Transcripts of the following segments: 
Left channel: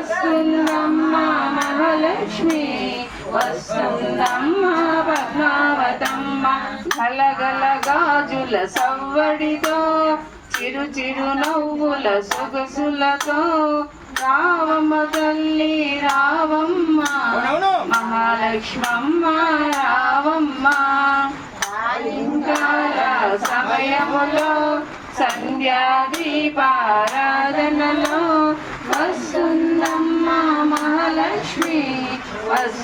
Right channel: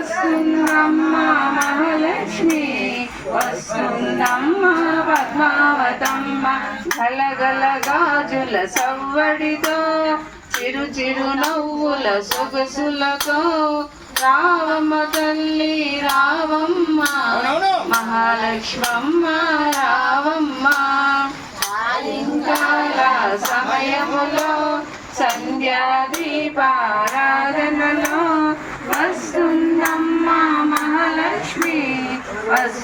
వస్తుందమ్మ మహాలక్ష్మి వస్తుందమ్మ పద్మావతమ్మ గలగల గాజుల సవ్వడితో చిరు చిరు నవ్వుల సొగసులతో రావమ్మ తల్లి రావమ్మ మహాలక్ష్మమ్మ రావమ్మ సాయంకాల సమయములో సంధ్యా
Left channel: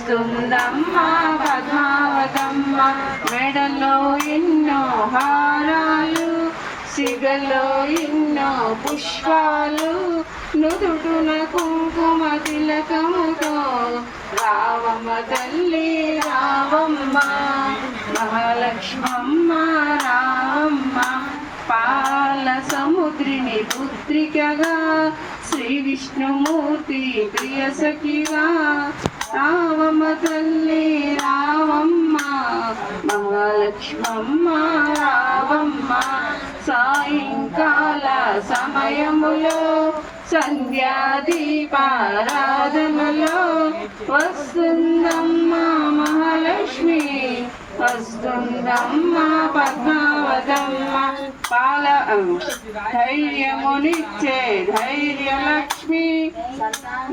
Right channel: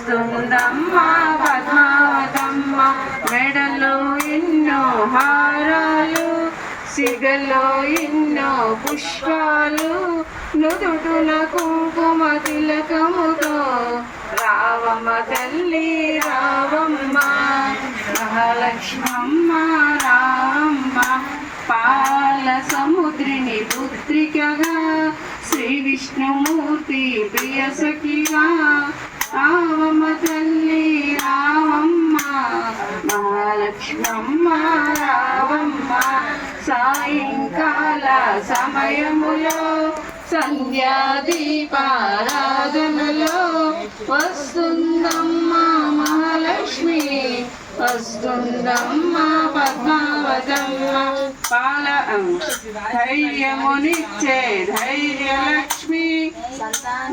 వస్తుందమ్మ పద్మావతమ్మ మెడలో ఎన్నో హారాలు సిగలో ఎన్నో పుష్పాలు నుదుటున కుంకుమ తిలకముతో రావమ్మ తల్లి రావమ్మ మహాలక్ష్మమ్మ రావమ్మ పాల సముద్రిని పుత్రికగా శ్రీ విష్ణుమూర్తి ప్రియ సఖిగా రావమ్మ తల్లి రావమ్మ మహాలక్ష్మమ్మ రావమ్మ. సాయంకాల సమయములో సంధ్యా దీపారాధనలో వస్తుందమ్మ మహాలక్ష్మి వస్తుందమ్మ పద్మావతమ్మ. పాల ధైర్యమునిచ్చే ధైర్య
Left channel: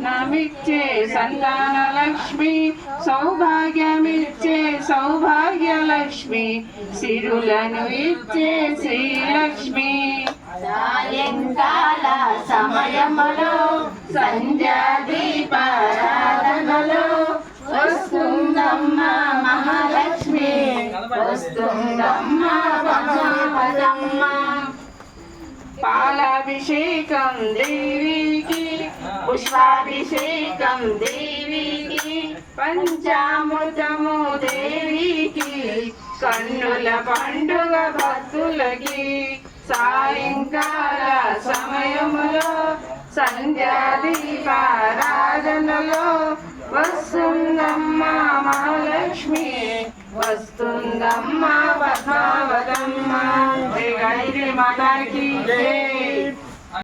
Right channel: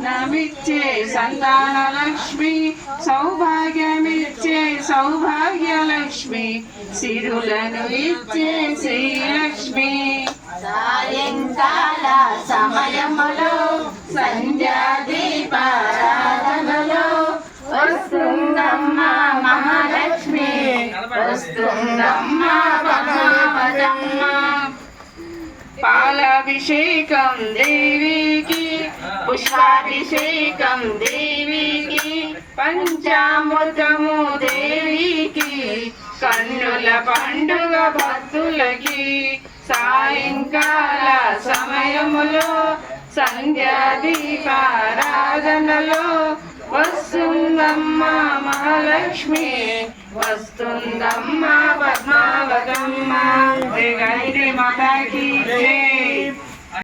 నమిచ్చే సంతాన లక్ష్మి సౌభాగ్యమిచ్చే సౌభాగ్యలక్ష్మి సిరులను ఇచ్చే శ్రీలక్ష్మి. సాయంకాల సమయములో సంధ్యా దీపారాధనలో వస్తుందమ్మ మహాలక్ష్మి వస్తుందమ్మ పద్మావతమ్మ. పాలాభిషేకం దేవికి పుష్పాభిషేకం దేవికి పంచామృతము దేవికి కన్నుల పండుగ భక్తులకి సాయంకాల సమయములో సంధ్యాదీపారాధనలో వస్తుందమ్మా వస్తుందమ్మ మహాలక్ష్మి వస్తుందమ్మ పద్మావతమ్మ. గైరి మాతాకి జయ